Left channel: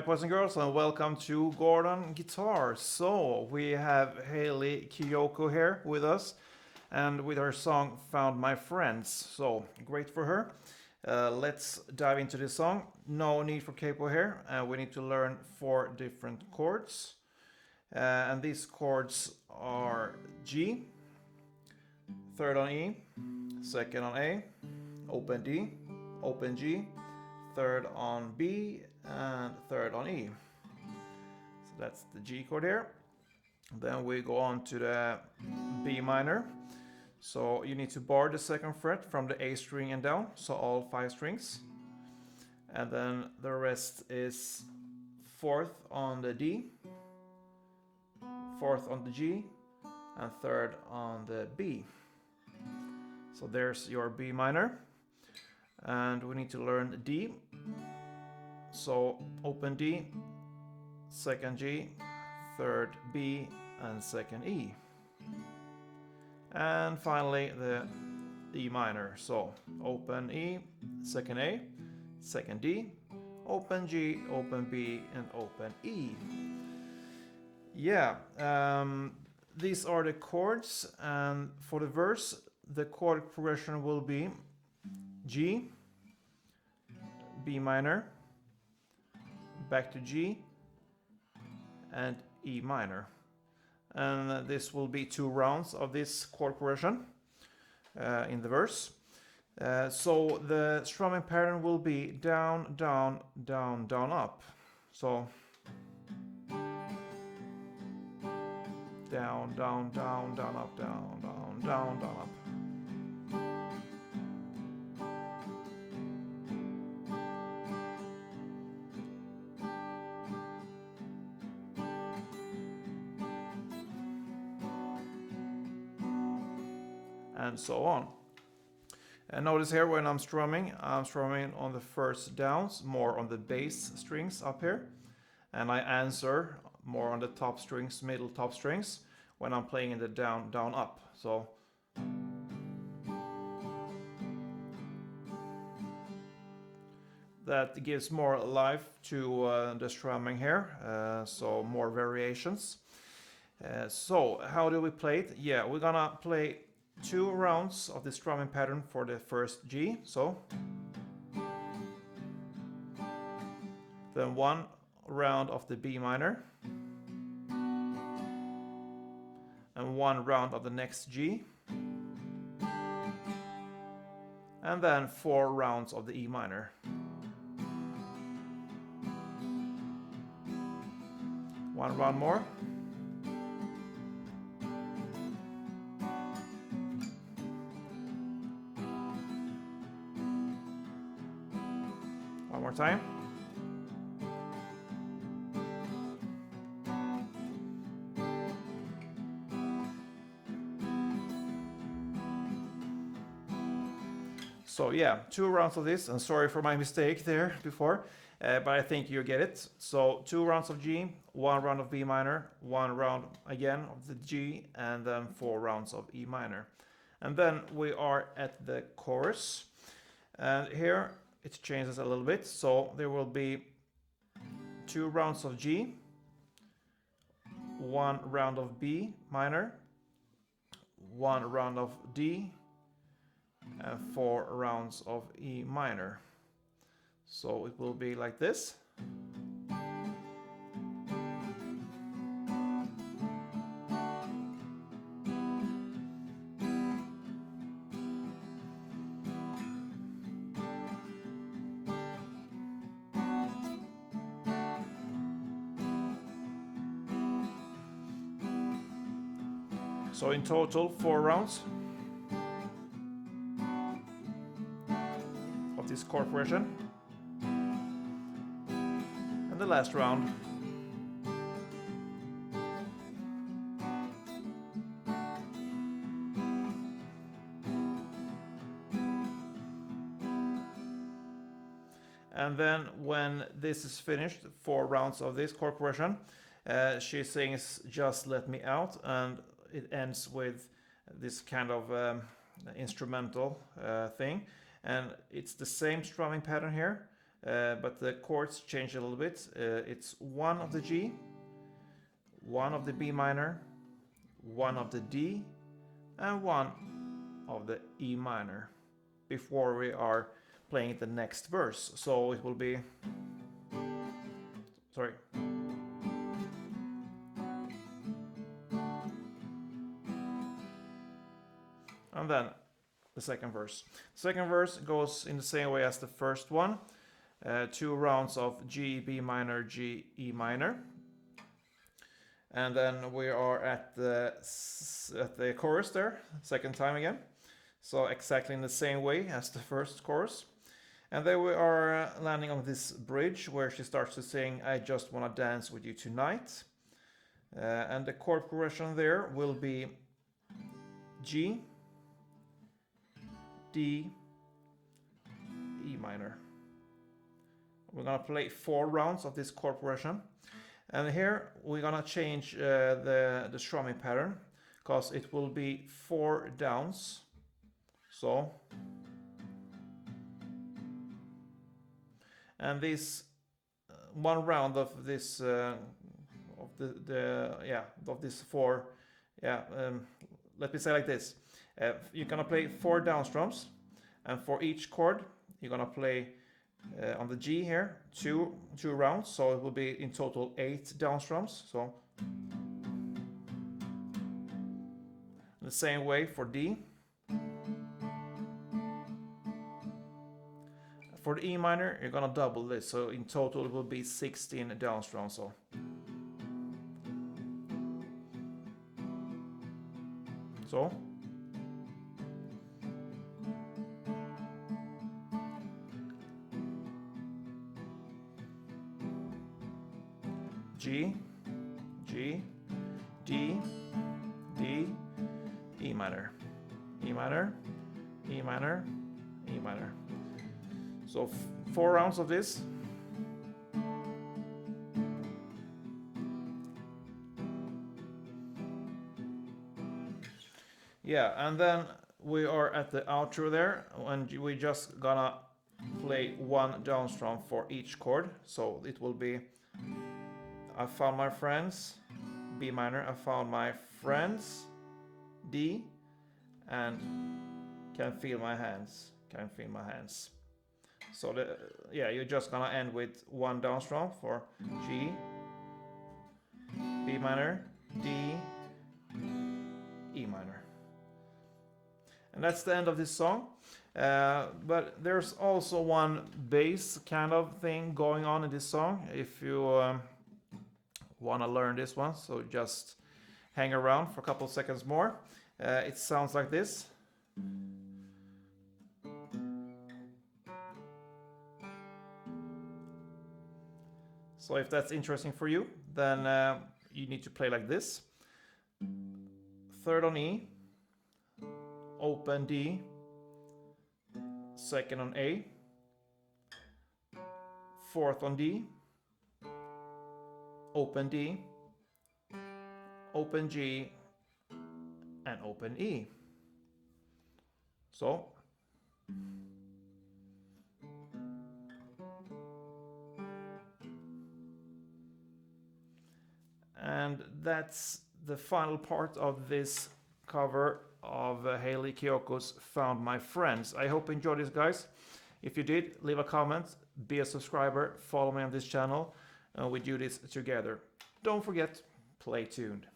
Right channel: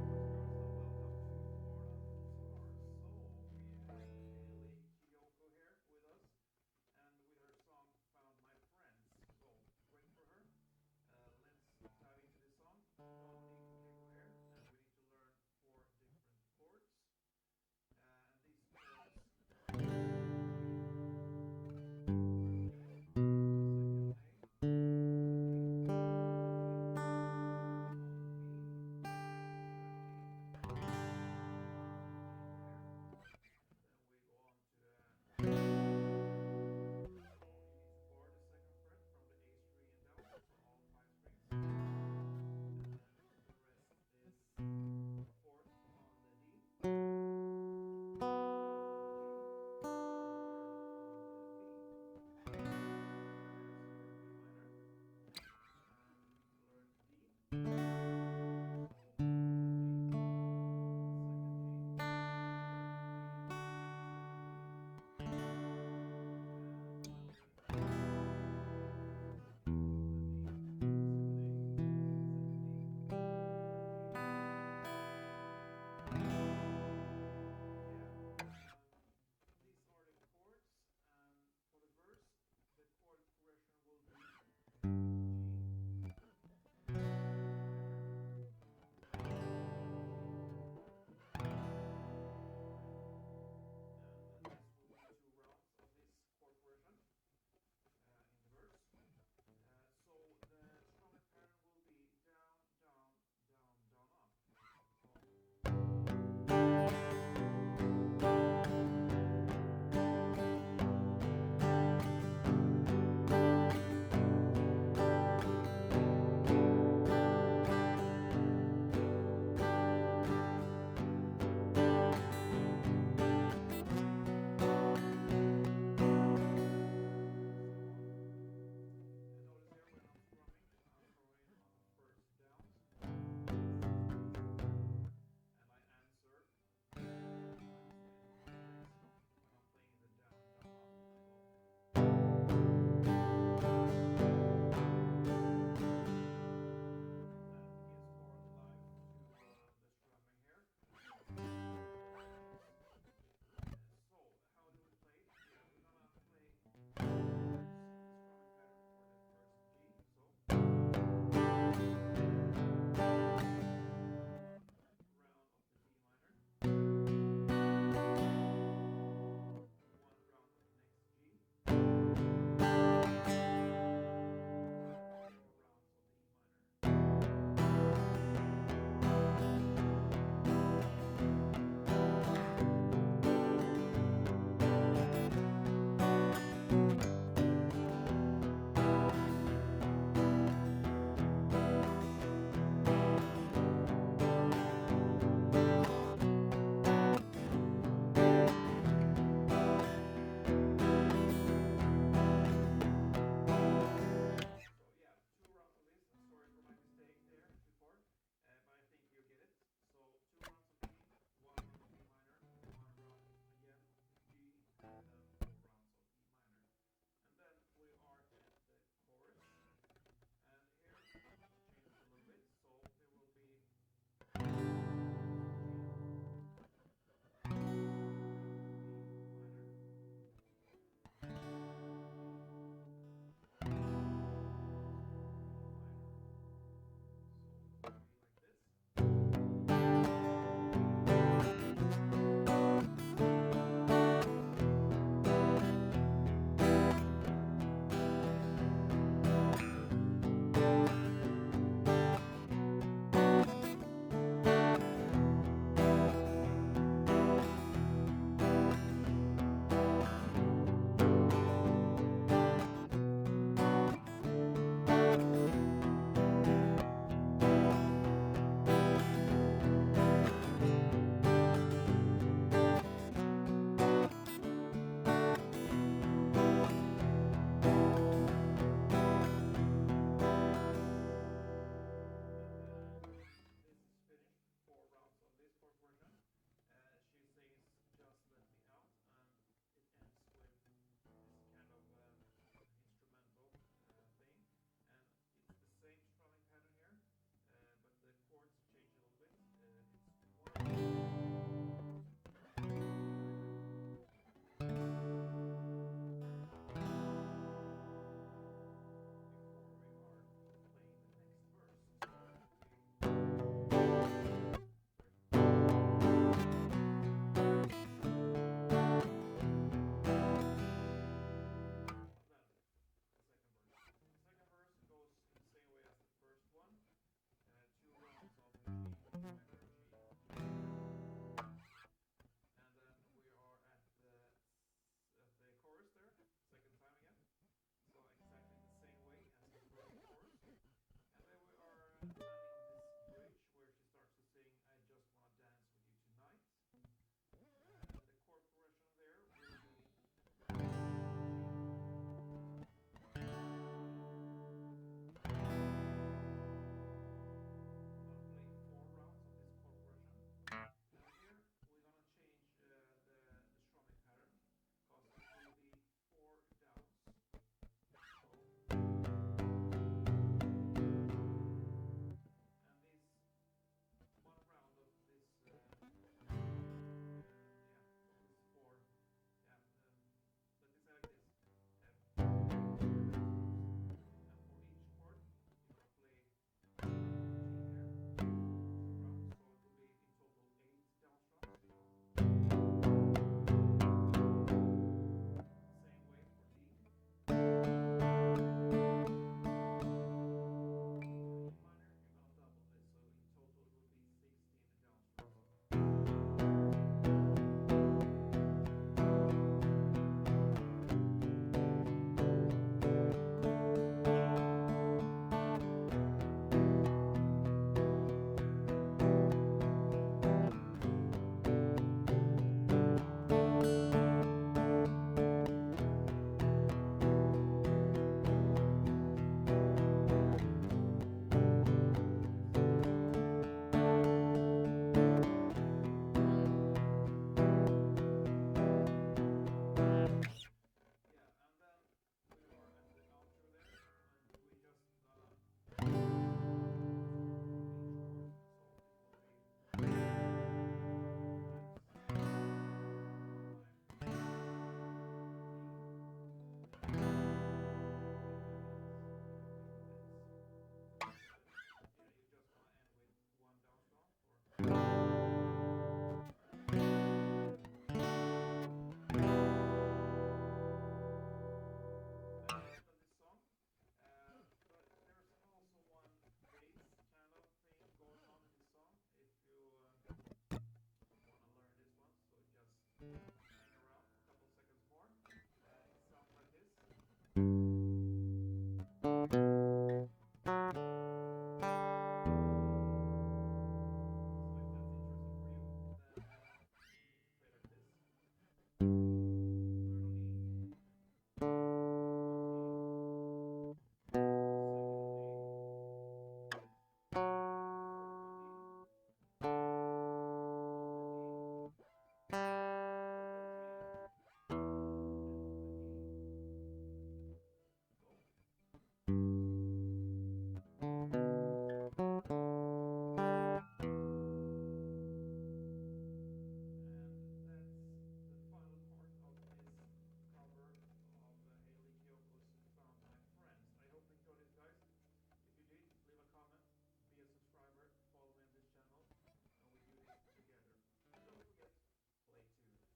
Alright, boys and girls, and welcome to Gordon Guitar. So, we have HAYLEY Kiyoko here with us, and with her song Found My Friends. So, great for her. Let's dive into this song. No need for capo here. We need to learn 4 different chords. And these chords are G, 3rd on E, 2nd on A, open D, open G, 3rd on B, and 3rd on E. So that's the G chord here. Then we go on to the B minor. So you need to bar the 2nd fret from the A string and down, so all 5 strings. And then the rest is 4th on the D, 4th on the G, and 3rd on the B. So there's your B minor. And we need to learn D. So open D, 2nd G, 3rd B, and 2nd E. And finally the E minor. So open E, 2nd A, 2nd D, open G, open B, and open E. Yeah, these are the chords, and for the verse the chord progression will be G, B minor, back to G, and E minor. And this will be 2 rounds of this chord progression in the verse. So the strumming pattern will be down, down, down, down, up. So down, down, down, down, up, down, down, down, down, up. And so on. And notice here when I'm strumming on the first downs, more on the bass strings up here, and I answer more on the top strings, middle top strings, when I'm playing in the down, down, up. So that gives more life to the strumming here, so more variations. So how do we play it? Yeah, we're gonna play 2 rounds of the strumming pattern for the first G. So then 1 round of the B minor, and 1 round of the next G, and then 4 rounds of the E minor. 1 round more. One more time. So yeah, 2 rounds of this, and sorry for my mistake there before, but I think you get it. So 2 rounds of G, 1 round of B minor, 1 round again of the G, and then 4 rounds of E minor. And then we are at the chorus, and here it changes a little bit. So there will be 2 rounds of G, 1 round of B minor, 1 round of D, and 4 rounds of E minor. So it will be like this. So in total 4 rounds of this chord progression. And the last round. And then when this is finished, 4 rounds of this chord progression, she sings "Just Let Me Out," and it ends with this kind of instrumental thing, and it's the same strumming pattern here, but the chords change a little bit. It's 1 of the G, 1 of the B minor, 1 of the D, and 1 of the E minor before we are playing the next verse. So it will be, sorry. And then the second verse. Second verse goes in the same way as the first one. 2 rounds of G, B minor, G, E minor. And then we are at the chorus there, second time again. So exactly in the same way as the first chorus. And then we are landing on this bridge where she starts to sing, I just wanna dance with you tonight. And the chord progression there will be G, D, E minor. We're gonna play 4 rounds of this chord progression. And here we're gonna change the strumming pattern, because it will be 4 downs. So, and this 1 round of this of this 4, let me say like this. You're gonna play 4 down strums, and for each chord you're gonna play on the G here 2 rounds, so it will be in total 8 down strums. So the same way for D. For the E minor you're gonna double this, so in total it will be 16 down strums. So G, G, D, E, E minor, E minor, E minor, E minor. So 4 rounds of this. Yeah, and then we are at the outro there, and we just gonna play 1 down strum for each chord. So it will be I found my friends, B minor, I found my friends, D, and can feel my hands, can feel my hands. So you're just gonna end with 1 down strum for G, B minor, D, E minor. And that's the end of this song. But there's also one bass kind of thing going on in this song. If you want to learn this one, so just hang around for a couple seconds more. It sounds like this. So if that's interesting for you, then you need to play like this. 3rd on E, open D, 2nd on A, 4th on D, open D, open G, and open E. So and that's the final part of this cover of HAYLEY Kiyoko's Found My Friends. I hope you enjoyed this, guys. If you did, leave a comment, be a subscriber, follow me on this channel, and we do this together. Don't forget, play tuned.